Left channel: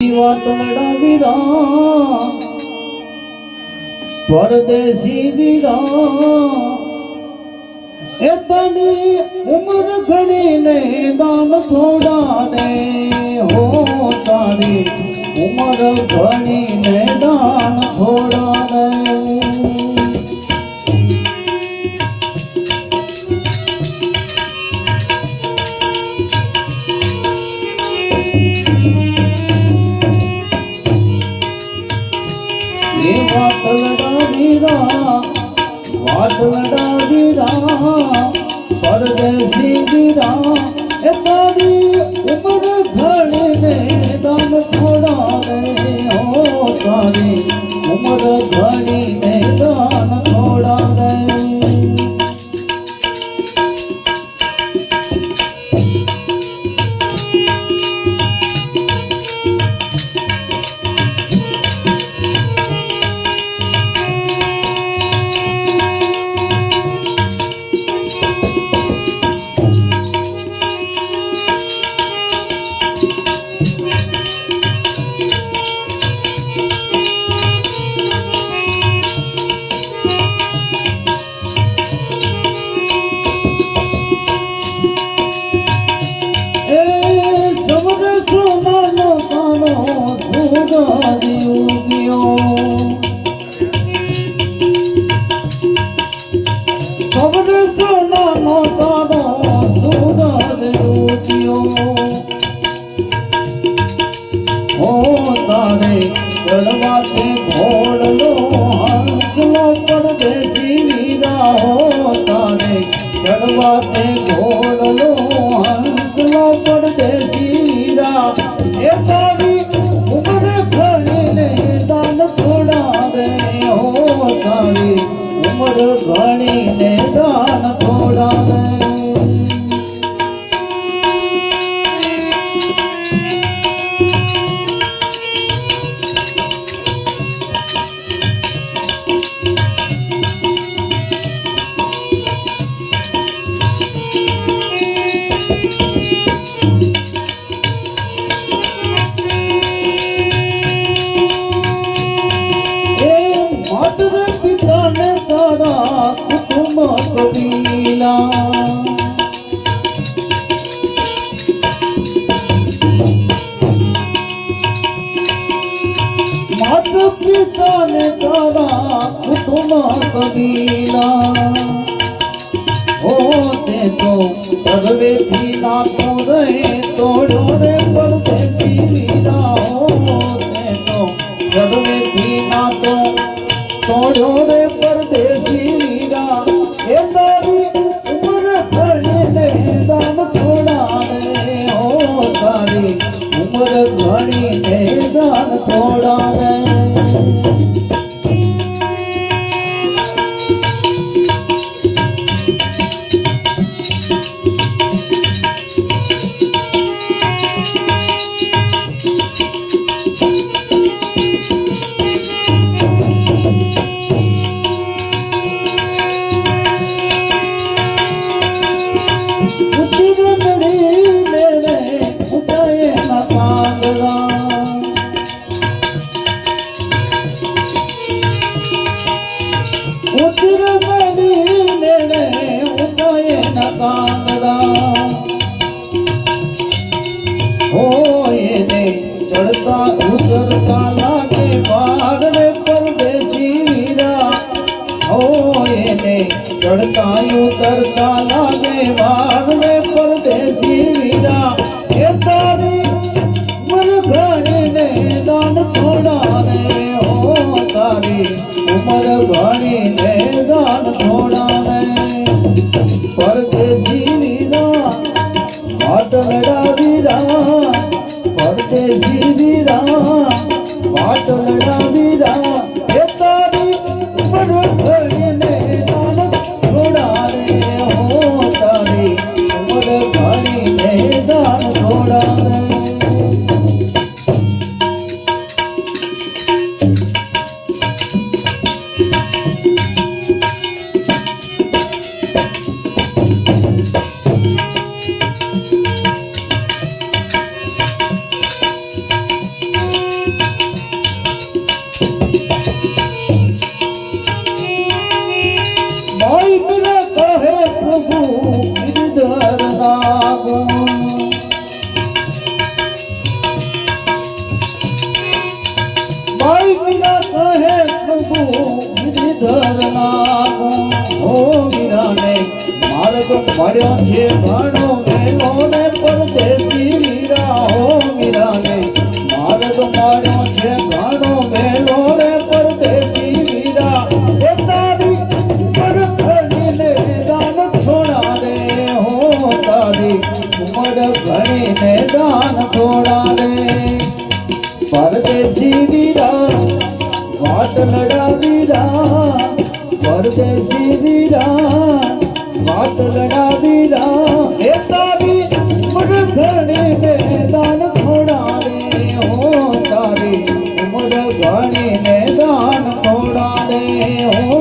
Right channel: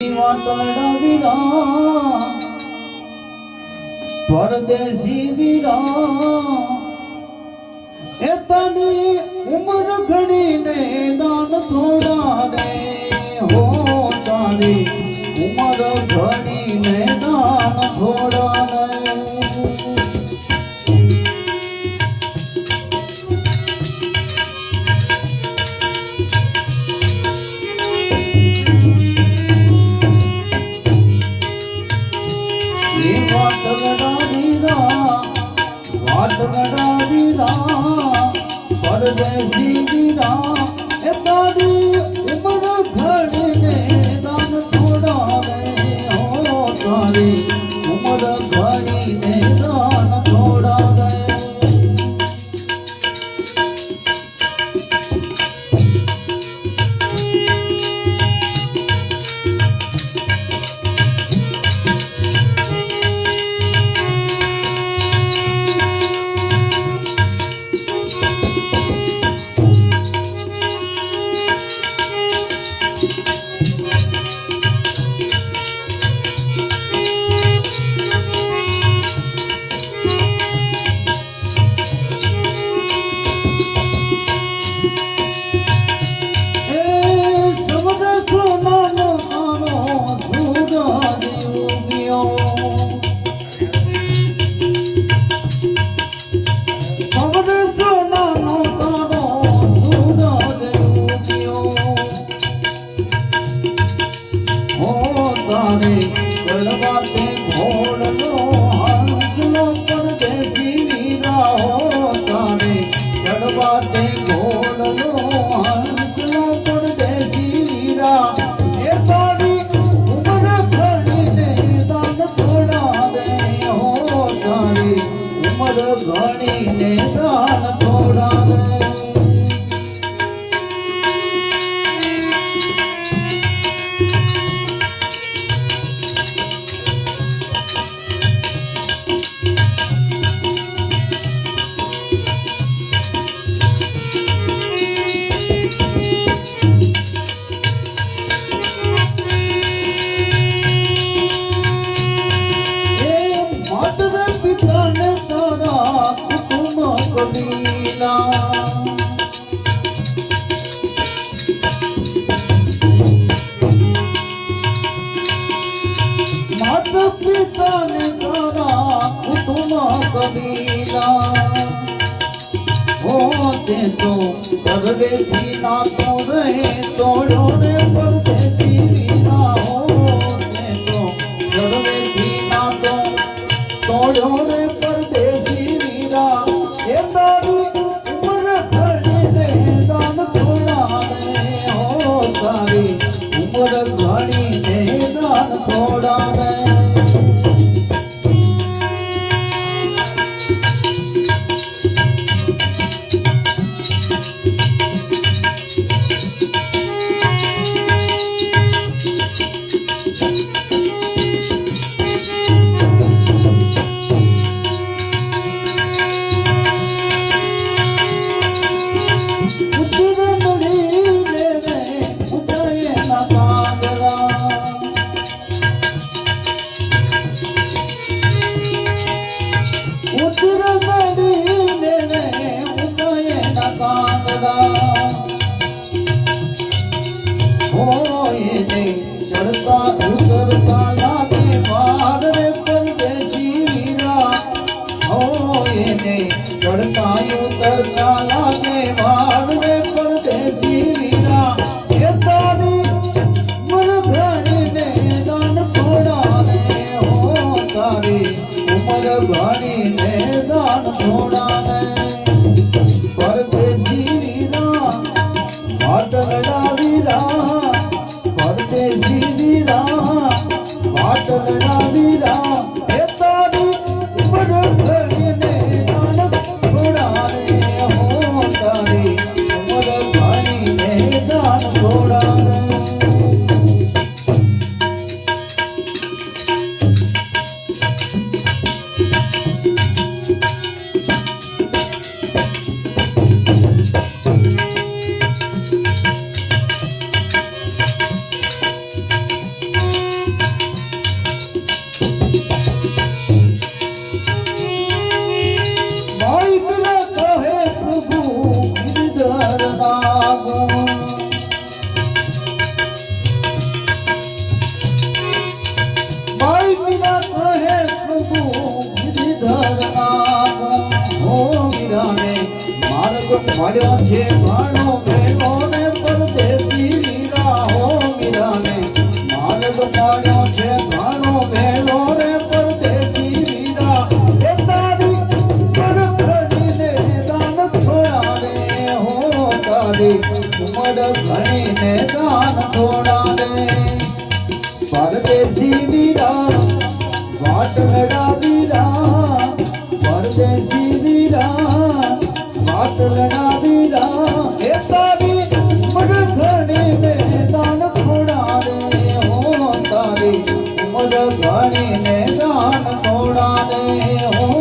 વાતોડા વીરા પરદેશી વીરા એ તની ઉમર ઘણી ને દાન થોડા ને હો તારી ઉમર ઘણી ને દાન થોડા ને વાતોડા વીરા પરદેશી વીરા એ તારી ઉમર ઘણી ને દાન થોડા ને હો તારી ઉમર ઘણી ને દાન થોડા ને પિતા ને તારા કુટુંબ કબીલા હો તે તો સર્વેથી નાતો રહે તોડ્યો રે પરદેશી વીરા હો તે તો સર્વેથી નાતો તોડ્યો રે પરદેશી વીરા એ તારી ઉમર ઘણી ને દાન થોડા ને હો તારી ઉમર ઘણી ને દાન થોડા ને ચડતા ઉતરતા લાગે બાર રે પરદેશી વીરા એ તારી ઉમર ઘણી ને દાન થોડા ને હો તારી ઉમર ઘણી ને દાન થોડા ને પરદેશી વીરા વાટલડા વીરા પરદેશી વીરા વાટલડા વીરા એ તારી ઉમર ઘણી ને ભાઈ પિલે કહે પ્રભુ ગિરધર નાગો ભાઈ પિલા કહે પ્રભુ ગિરધર નાગો ઓ વીરાને માર્ગ મળ્યો છે ઘણો વેલો ને પરદેશી વીરા હો વીરાને માર્ગ મળ્યો છે ઘણો વેલો ને પરદેશી વીરા એ તારી પરખડીને દાન થોડા દે હો તારી ઉમર ઘણીને દાન થોડા દે પરદેશી વીરા વાટ લડા વીરા પરદેશી વીરા વાટ લડા વીરા એ તારી મગધણીને દાન થોડા દે હો તારી ઉમર ઘણીને દાન થોડા દે હો